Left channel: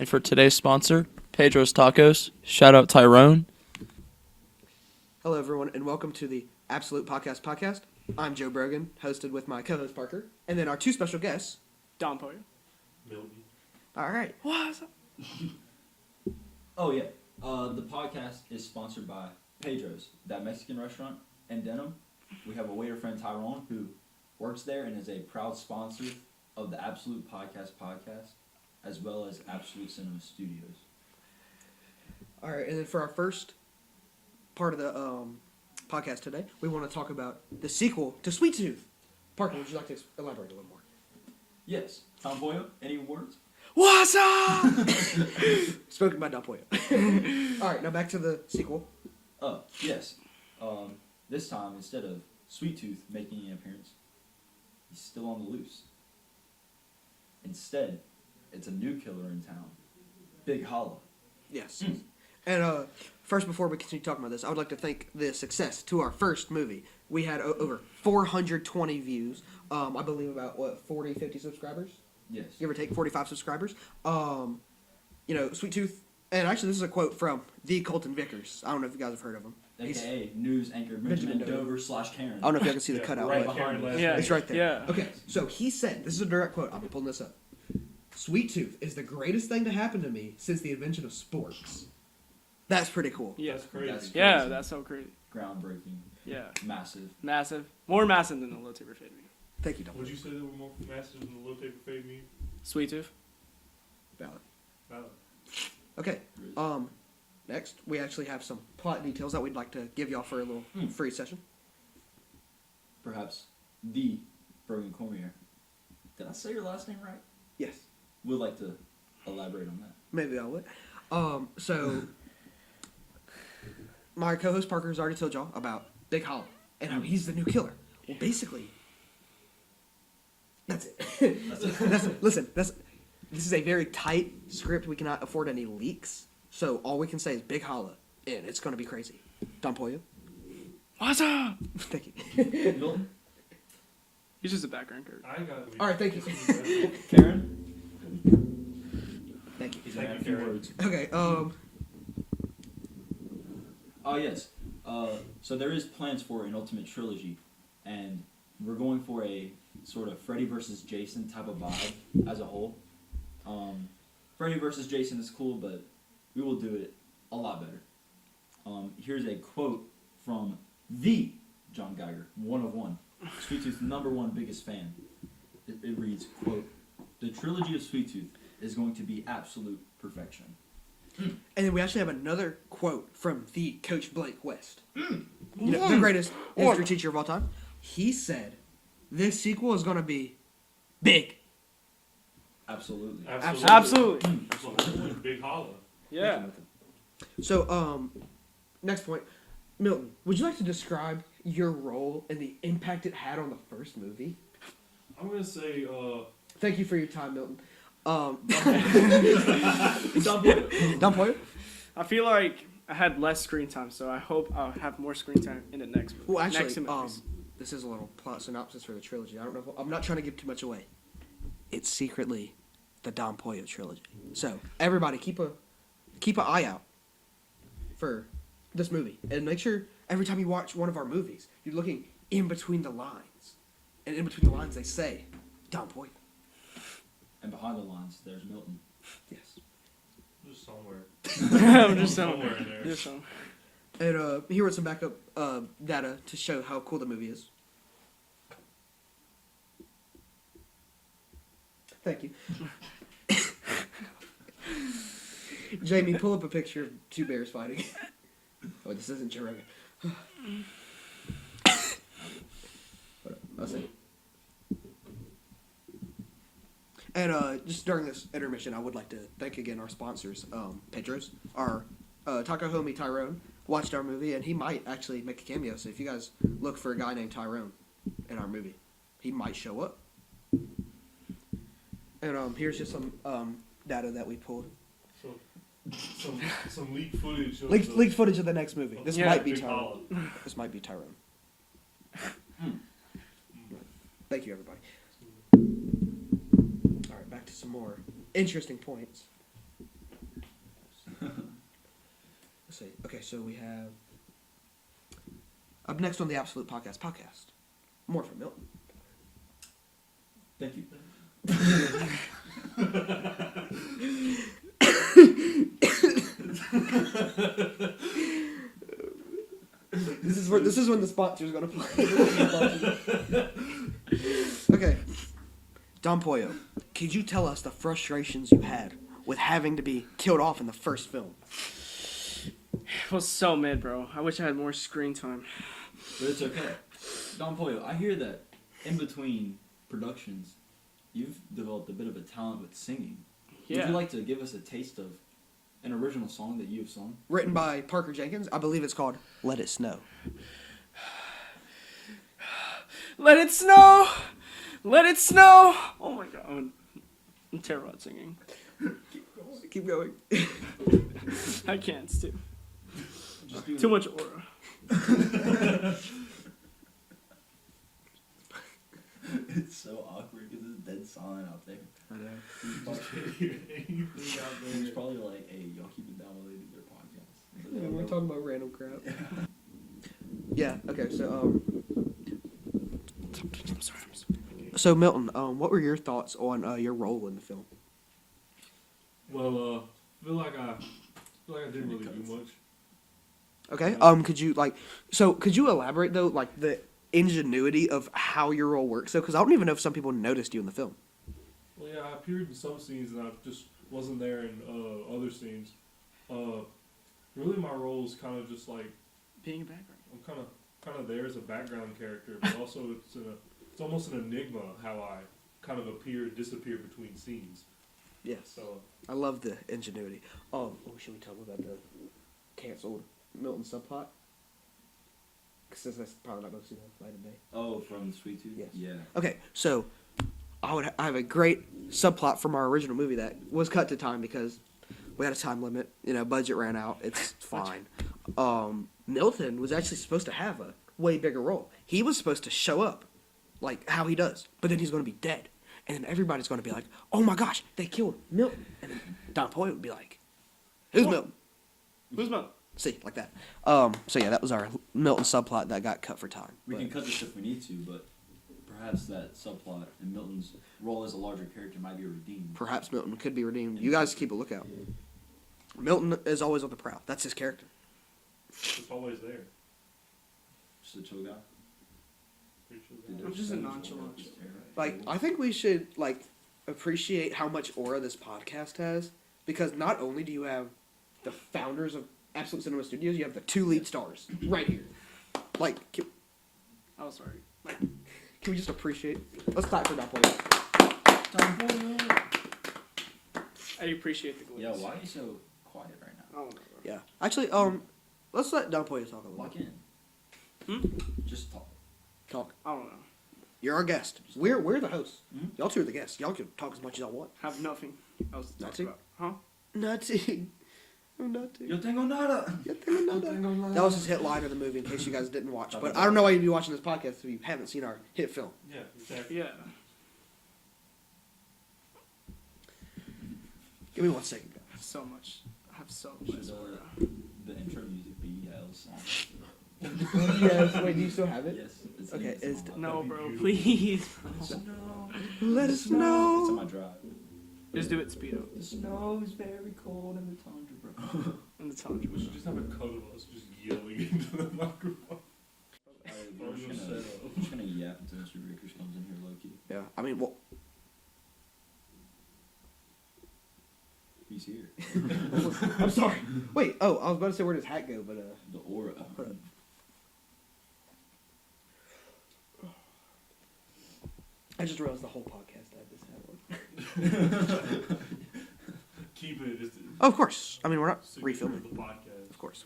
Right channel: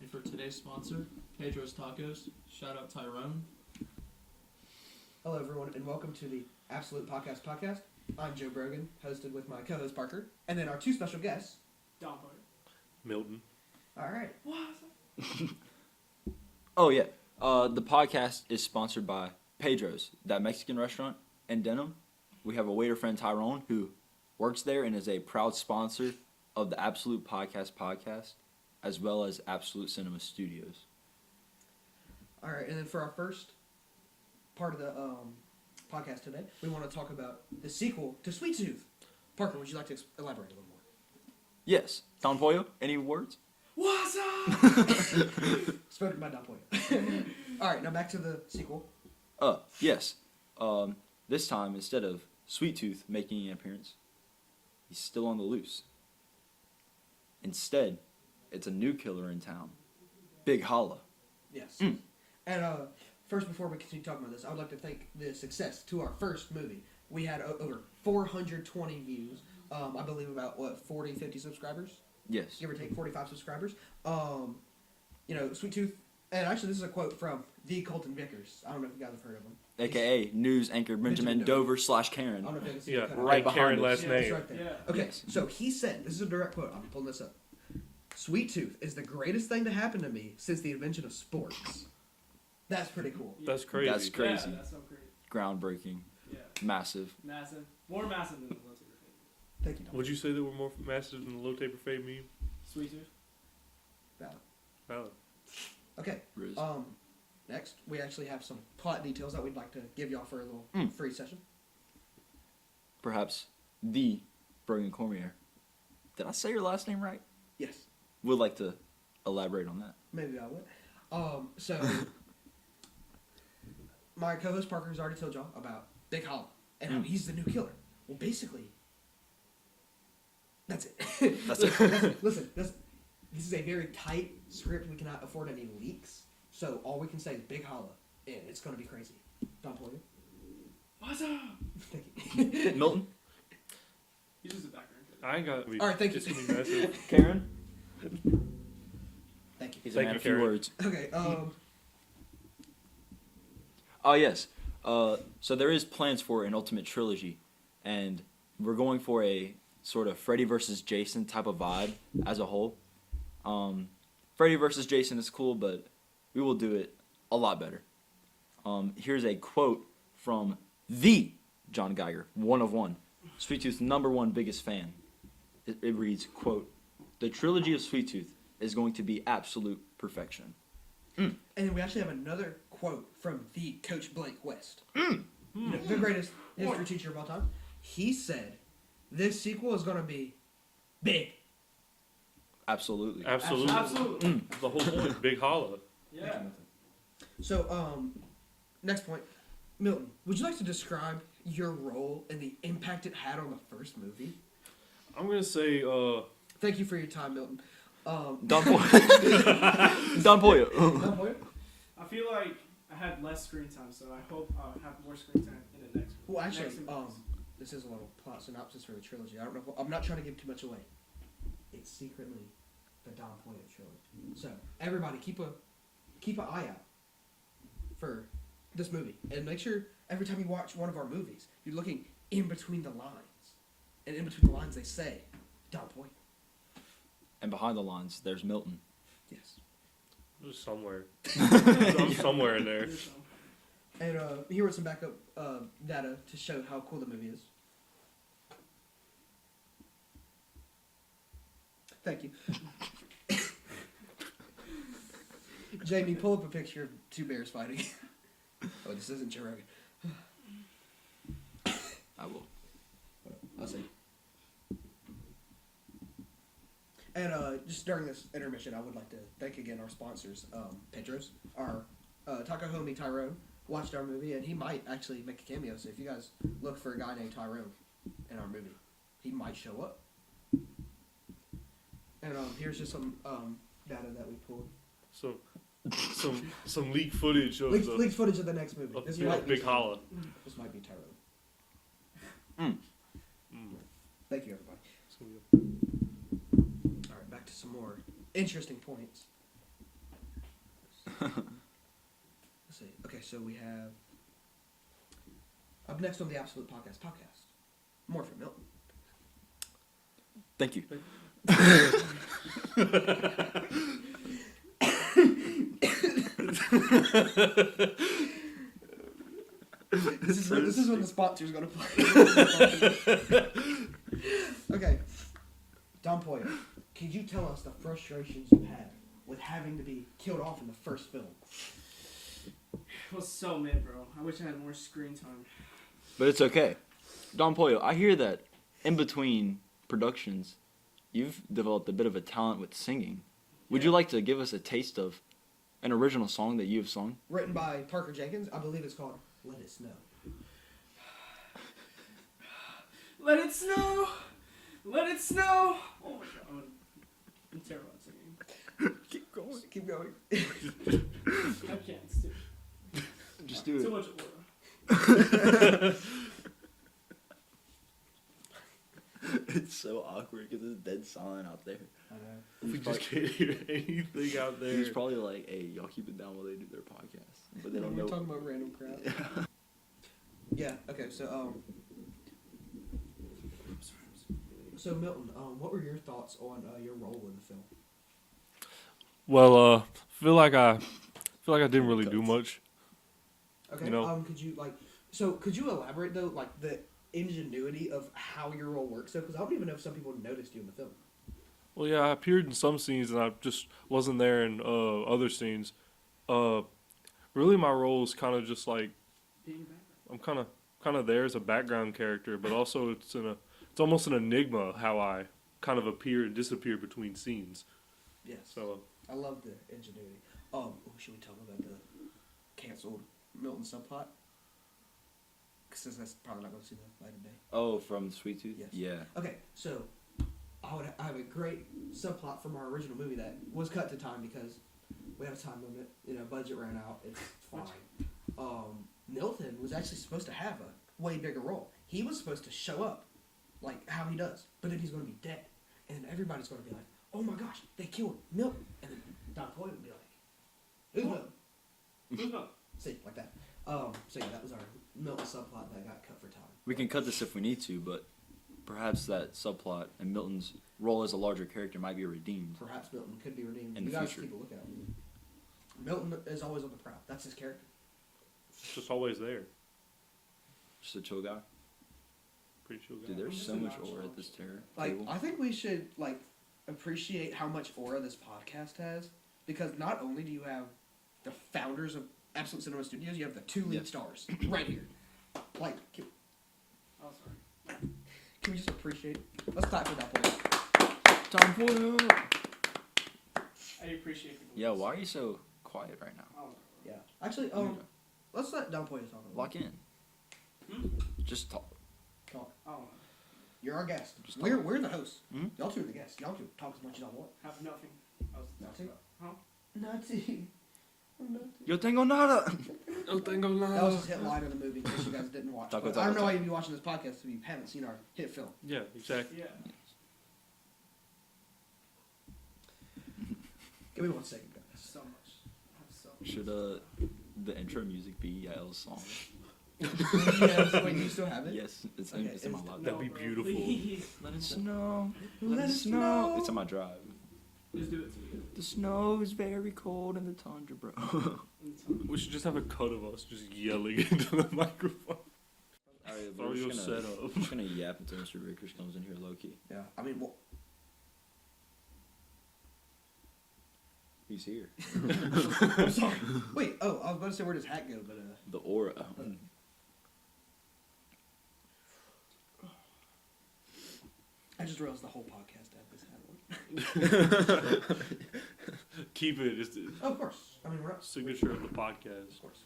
And for today's sponsor, Pedro's Tacos. Shout out Tyrone. Hello, everyone, and welcome to the AbsolutePodcast Podcast. I'm Joe Brogan, hosted with my co-host Parker, and then our two special guests, Don Poyer. Milton. All right. What's up? Oh, yeah. The podcast is sponsored by Pedro's, that Mexican restaurant in Denham. We have a waiter friend, Tyrone, who works there and is a proud sponsor of the Absolute Podcast Podcast, as well as Absolute Cinema Studios. All right, and then for our first part of the podcast today, we want to talk about the sequel to Sweet Tooth. Parker, would you like to elaborate a little more? Yes. Don Pollo, any words? What's up? Spoken by Don Poyer. All right, now back to the sequel. Yes. This time, instead of Sweet Tooth making an appearance, he's still on the loose. Instead, it's a new killer in town, Big Holla. Yes. And first, before we continue talking about this, I would like to thank the success to our first movie. We had over 420 views. I believe about, 40, 50 subscribers? Yes. Give or take 45 subscribers. Sweet Tooth, and actually this is a quote from the Colton Vickers. I don't know if you guys have heard of him. AKA news anchor Benjamin Dover / Karen. I don't know if you can see the cutout. right but behind Karen us. last Yeah, name. it's right there. Yeah. Okay, so he said, this is a direct quote. I'll be pulling this up. Sweet Tooth is the greatest thing to happen to me since the invention of sports. That's pretty cool. Yeah. That's crazy. That's Yeah, crazy. that's so crazy. Groundbreaking. Yeah. Massive. Massive. More massive than the low taper fade meme. Thank you, Don. Would you say they were more massive than the low taper fade meme? Sweet Tooth. Valid. Valid. Okay. Riz. Next, we actually have some plot details that we'd like to give y'all for a little free session. Perhaps the Brogan Cormier. Did I say your last name right? Yes. Would like to elaborate on that. Maybe I would. So my co-host Parker has already told y'all about Big Holla and how he's the new killer. Well, basically, that's it. That's it. Listen, this is a very tight script. We cannot afford any leaks, so all we can say is Big Holla, and it's going to be crazy. Don Pollo. What's up? Thank you. Milton? He's just a background character. I ain't got. All right, thank you. Karen? Thank you. He's Thank a man you, of few Karen. words. Okay. Oh, yes. So there is plans for an ultimate trilogy, and we're going for a sort of Freddy versus Jason type of vibe as a whole. Freddy versus Jason is cool, but we will do it a lot better. Here's a quote from the John Geiger, one of one, Sweet Tooth's #1 biggest fan. It reads, quote, "The trilogy of Sweet Tooth is going to be absolute perfection." And then we actually have another quote from the Coach Blake West. The greatest history teacher of all time. He said, this sequel is going to be big. Absolutely. Absolutely. Absolutely. That's the whole point. Big holla. Yeah. So, next point. Milton, would you like to describe your role and the impact it had on the first movie? I'm gonna say. Thank you for your time, Milton. Don Pollo. Don Pollo. Don Poyer? I feel like I had less screen time, so I hope I'll have more screen time in the next movie. Well, actually, next two movies. this is a little plot synopsis for the trilogy. I don't know. I'm not trying to give too much away. It's secretly the Don Pollo trilogy. So everybody, keep an eye out for this movie, and make sure every time you watch one of our movies, you're looking in between the lines, and in between the lines they say Don Pollo. And behind the lines, there's Milton. Yes. Just somewhere. There's Somewhere in there. There's some. And here are some backup data to show how cool the movie is. Thank you. Jamie, pull up a picture of two bears fighting. Oh, this isn't Joe Rogan. I'll say. And just during this intermission, I would like to thank again our sponsors, Pedro's. Our taco homie Tyrone watched our movie, and he might actually make a cameo. So if you guys look for a guy named Tyrone in our movie, he might show up. And here's just some data that we pulled. So, some leaked footage of Leaked footage of the next movie. of This Yeah. might be Big holla. Tyrone. This might be Tyrone. Thank you, everybody. All right, back to some more interesting points. see. Okay, so we have up next on the AbsolutePodcast Podcast. More from Milton. Thank you. This is when the sponsor's gonna play. Okay, Don Pollo, could you tell us the frustrations you had with having to be killed off in the first film? It was so mid, bro. I wish I had more screen time. But it's okay. Don Pollo, I hear that in between productions, you've developed a bit of a talent with singing. Would Yeah. you like to give us a taste of an original song that you've sung? Written by Parker Jenkins. I believe it's called "Let It Snow." Let it snow! Let it snow! Oh my god. I'm terrible at singing. Keep going. Keep going. I can't, it's Just do it. too much aura. It's so awkward because it's dead silent out there. I know. You just can't hear anything out there. He's probably like, hey, y'all keep it down while they do their podcast. But they don't We're know. talking about random crap. Yeah. Okay. So Milton, what were your thoughts on your role in the film? Well, feel like I didn't really do much. Okay. No. Could you elaborate though, like the ingenuity of how your role works? So, because I don't even know if some people noticed you in the film. Well, yeah, I appeared in some scenes and I just wasn't there in other scenes. Really, my role is kind of just like Being a background. I'm kind of there as a background character, but also it's almost an enigma how I kind of appear and disappear between scenes. Yes. So I love the ingenuity. Should we talk about the canceled Milton subplot? Because that's probably not going to see the light of day. Oh, from Sweet Tooth? Yes. Yeah. Okay, so I have a great subplot from our original movie that was cut to time because we had a time limit. Budget ran out. It's fine. Milton was actually supposed to have a way bigger role. He was supposed to show up, like how he does, but then he's going to be dead, and then everybody's going to be like, "Oh my gosh, they killed Milton," and then Don Pollo would be like, "Who's Milton?" Who's Mel? See, like that. So yeah, that was our Milton subplot that got cut for time. We But can cut this if we need to, but perhaps that subplot and Milton's role as a larger character might be redeemed. perhaps Milton could be redeemed. In You the guys future. keep a lookout. Milton is always on the prowl. That's his character. just always there. Just a chill guy. Pretty chill Dude, guy. there's just so a much nonchalant aura at this terror. Like, I think we should appreciate how much aura this podcast has, because not only do you have the founders of Absolute Cinema Studios, you have the two lead Yes. stars right here. Like, can Oh, sorry. we just appreciate? Let's clap for that point. Don Pollo! I appreciate the glitch. Yeah, why are you so quiet right now? Oh, Yeah. Actually, let's let Don Pollo talk a little. Lock in. Hmm? Just talk. Talk. I don't know. You're our guest. We're the hosts. Mhm. Y'all two are the guests. Y'all can talk as much as y'all want. Have nothing else to talk Nothing? about. Huh? Nothing. Nothing. Yo tengo nada! That was his hit line of the movie, in case you guys didn't watch. Talk But about I don't know why you'd be watching this podcast if you haven't seen our hit film. Yeah, exactly. Yeah. Give me 1 second, guys. So much. I have so much. Should the intro music be Yahel's song? Yes. Wait, do you still have it? Yes, it's Okay, in my it's- laptop. No, That'd be bro, beautiful. please. Let it snow. Let it snow. It's on my drive. Just do it speedo. The snow is very cold in the tundra, bro. In the tundra. We should just have a cut of us just yelling into the microphone. Alright, That was your setup. I'm just gonna yap until Mr. Rickers comes in here low key. Yeah. I mean, well, He's here. I'm sorry. Wait. Oh, I was about to say where does hat go, but The aura. I just realized the whole podcast had this hat on. Keep it just Oh, of course. I mean, we're not signature refilling. of the podcast. Of course.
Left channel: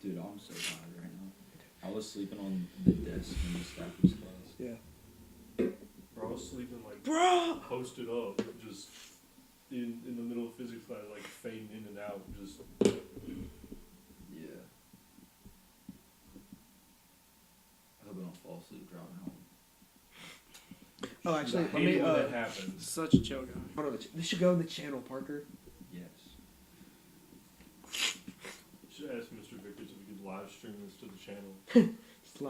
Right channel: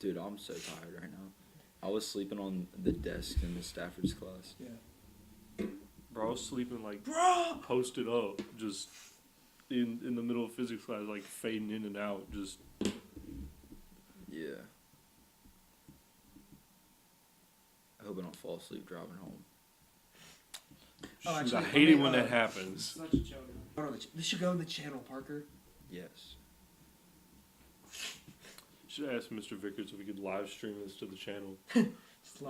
Dude, I'm so tired right now. I was sleeping on the desk in the Stafford's class. Yeah. Bro, I was sleeping like Bro. posted up, just in the middle of physics class, like fading in and out, just Yeah. I hope I don't fall asleep driving home. Oh, I actually, hate it when that happens. Such a chill guy. Hold on, this should go in the channel, Parker. Yes. should ask Mr. Vickers if we could live stream this to the channel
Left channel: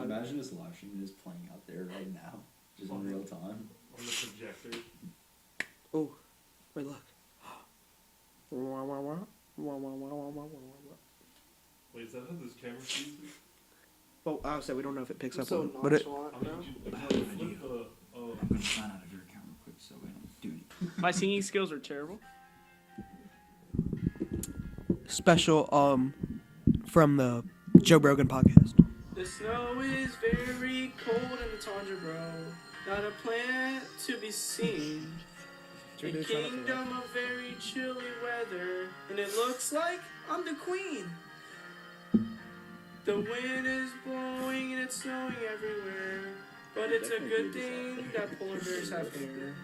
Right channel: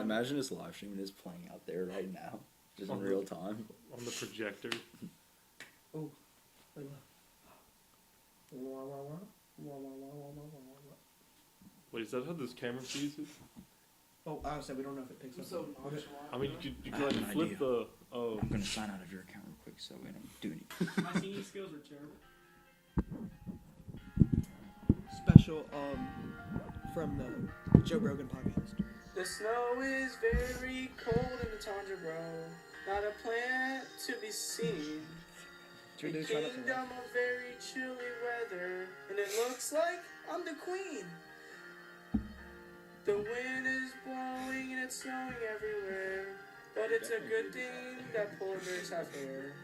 Imagine this live stream is playing out there right now, just in real time. on the projector. Oh, wait, look. Wait, is that how this camera sees it? Well, I would say we don't know if it picks up So on it, but it. nonchalant, I mean, bro. you can flip the. Oh, I'm gonna sign out of your account real quick so we don't do it. My singing skills are terrible. Special from the Joe Brogan podcast. The snow is very cold in the tundra, bro. Not a plant to be seen. A kingdom of very chilly weather, and it looks like I'm the queen. The wind is blowing and it's snowing everywhere, but it's a good thing that polar bears have hair.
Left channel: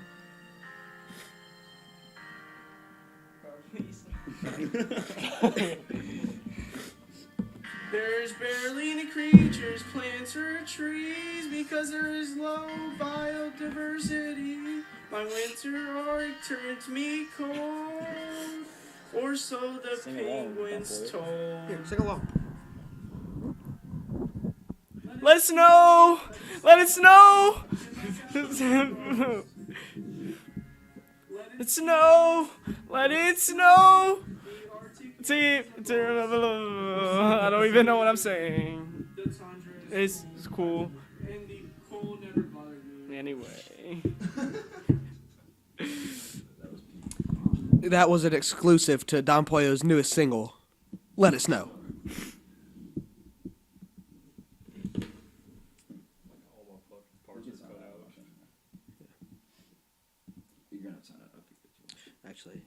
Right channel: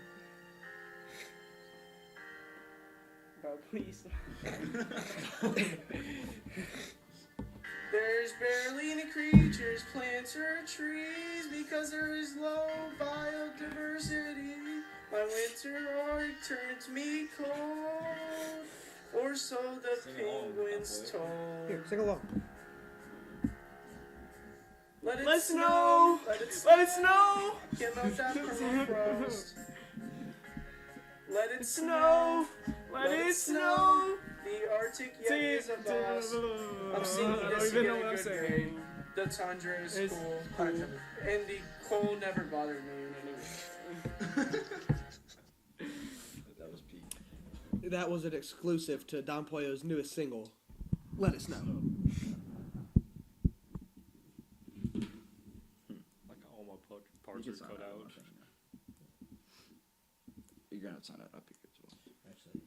There's barely any creatures, plants, or trees because there is low biodiversity. My winter arc turns me cold, or so the penguins told. Here, sing along. Let it snow! Let it snow! Let it snow! Let it snow! The Arctic I don't even know what I'm saying. The tundra is cool. And the cold never bothered me. Anyway. That was an exclusive to Don Pollo's newest single, Let Us Know. like all my parts are cut out. You're gonna sign out. Okay, Actually,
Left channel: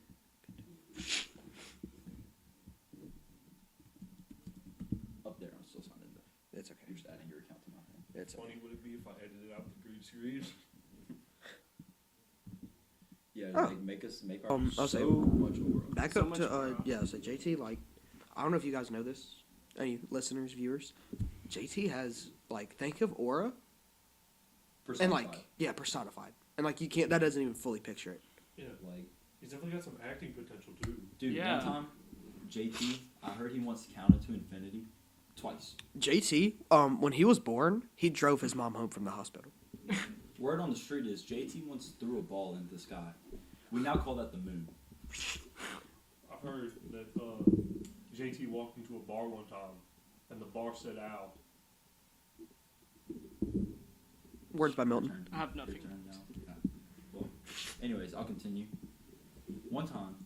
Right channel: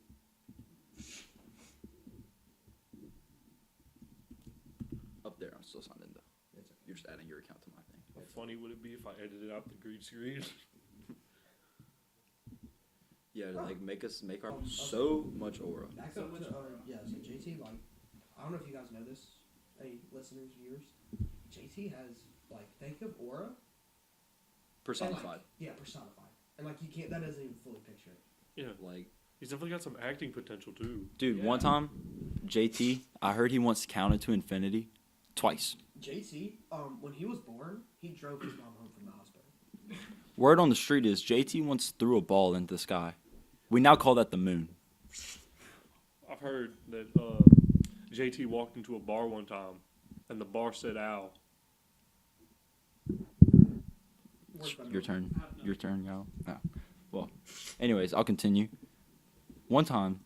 up there, I'm still signed in though. it's okay. You're just adding your account to my thing. It's Funny would it be if I edited out the green screen? Yeah, Oh. like make our I'll say- so much aura. Back So up much to aura. so JT, like, I don't know if you guys know this, any listeners, viewers. JT has like, think of aura and Personified. like, yeah, personified, and like you can't, that doesn't even fully picture it. Yeah, Like, he's definitely got some acting potential too. dude, Yeah. one time, JT, I heard he wants to count it to infinity twice. JT, when he was born, he drove his mom home from the hospital. Word on the street is JT once threw a ball into the sky. We now call that the moon. I've heard that JT walked into a bar one time, and the bar said "ow." Words by Your Milton. turn. I have nothing. Your turn, Yahel. Oh. Well, anyways, I'll continue. One time,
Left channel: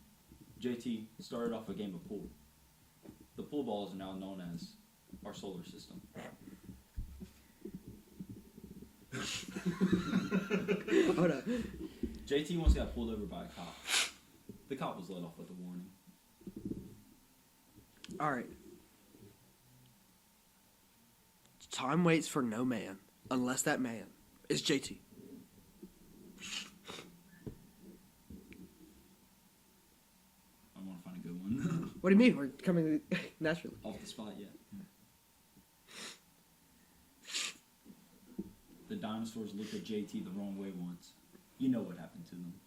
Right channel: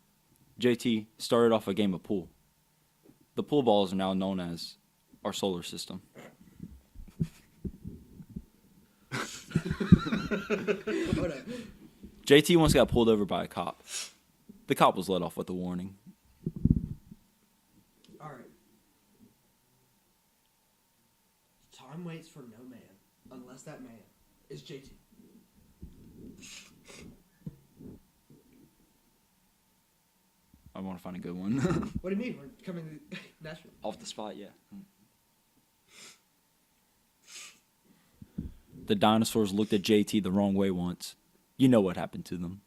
JT started off a game of pool. The pool balls are now known as our solar system. Hold up. JT once got pulled over by a cop. The cop was let off with a warning. All right. Time waits for no man unless that man is JT. I want to find a good one. What do you mean? We're coming naturally. Off the spot, yeah. The dinosaurs looked at JT the wrong way once. You know what happened to them.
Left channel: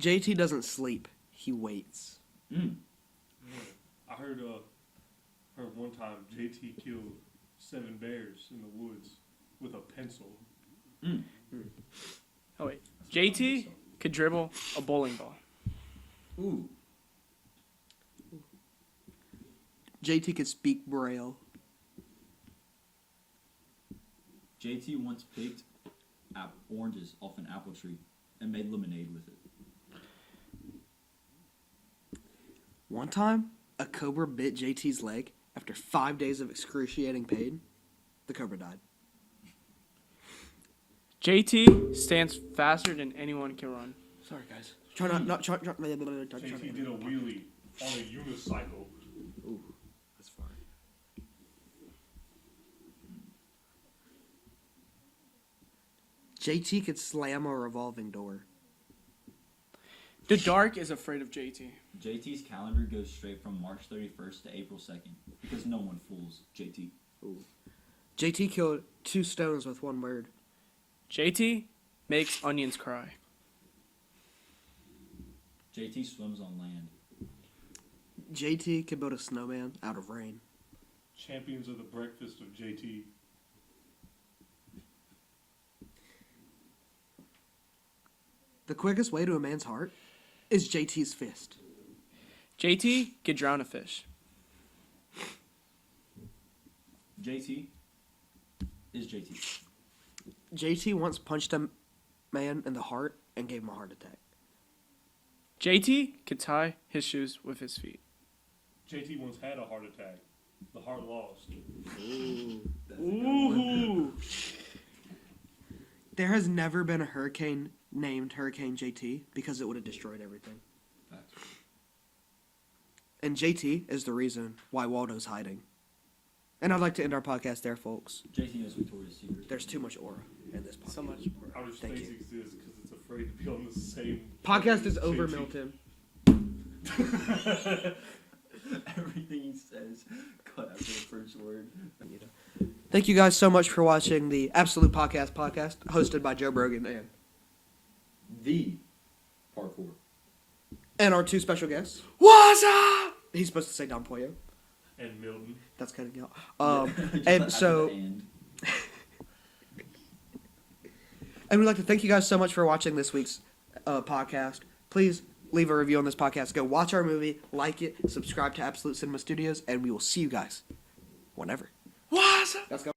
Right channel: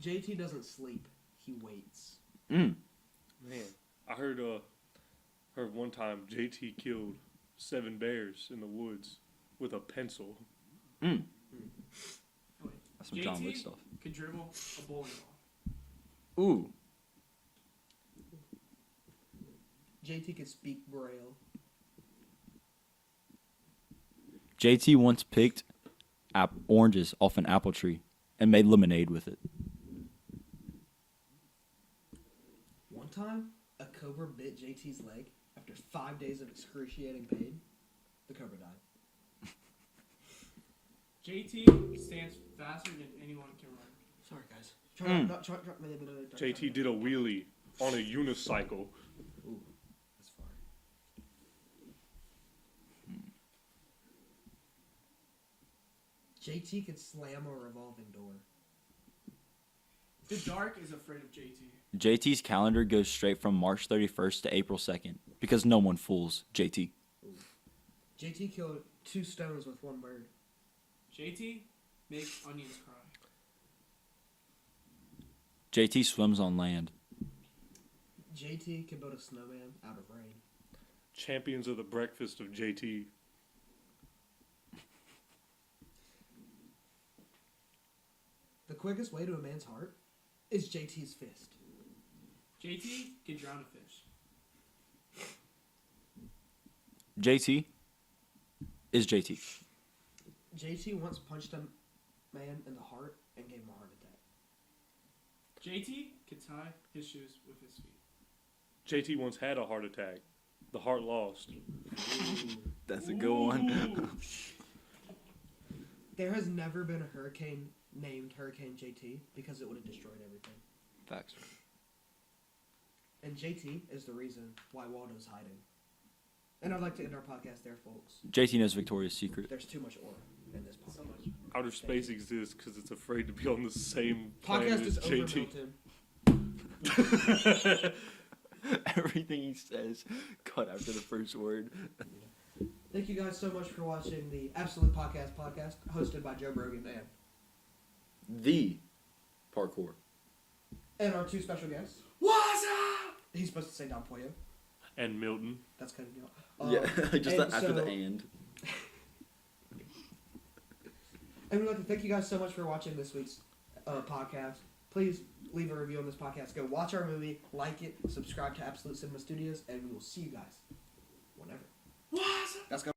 JT doesn't sleep. He waits. Mm. Yeah. I heard one time JT killed 7 bears in the woods with a pencil. Mm. Oh wait, That's some John Wick JT stuff. could dribble a bowling ball. Ooh. JT could speak Braille. JT once picked oranges off an apple tree and made lemonade with it. One time, a cobra bit JT's leg. After 5 days of excruciating pain, the cobra died. JT stands faster than anyone can run. Sorry, guys. Try not. JT did a wheelie on a unicycle. Ooh, that's far. JT could slam a revolving door. The dark is afraid of JT. JT's calendar goes straight from March 31st to April 2nd because no one fools JT. JT killed 2 stones with 1 word. JT makes onions cry. JT swims on land. JT can build a snowman out of rain. Champions of the breakfast of JT. The quickest way to a man's heart is JT's fist. JT could drown a fish. JT is JT. JT once punched a man in the heart and gave him a heart attack. JT could tie his shoes with his feet. JT once had a heart attack. The heart lost. Ooh, that's a good one. There has never been a hurricane named Hurricane JT because it would have destroyed everything. Facts. And JT is the reason why Waldo's hiding. And I'd like to end our podcast there, folks. JT knows Victoria's Secret. There's too much aura in this podcast. So much. Outer space exists because it's afraid to be on the same Podcast planet is as over, JT. Milton. Everything he says, cut after the first word. Thank you guys so much for watching the Absolute Podcast hosted by Joe Brogan The parkour. and our two special guests. What's up? He's supposed to say Don Pollo. And Milton. That's cutting out. Just And after so, the and. and we'd like to thank you guys so much for watching this week's podcast. Please leave a review on this podcast. Go watch our movie, like it, subscribe to Absolute Cinema Studios, and we will see you guys whenever. What's up? Let's go.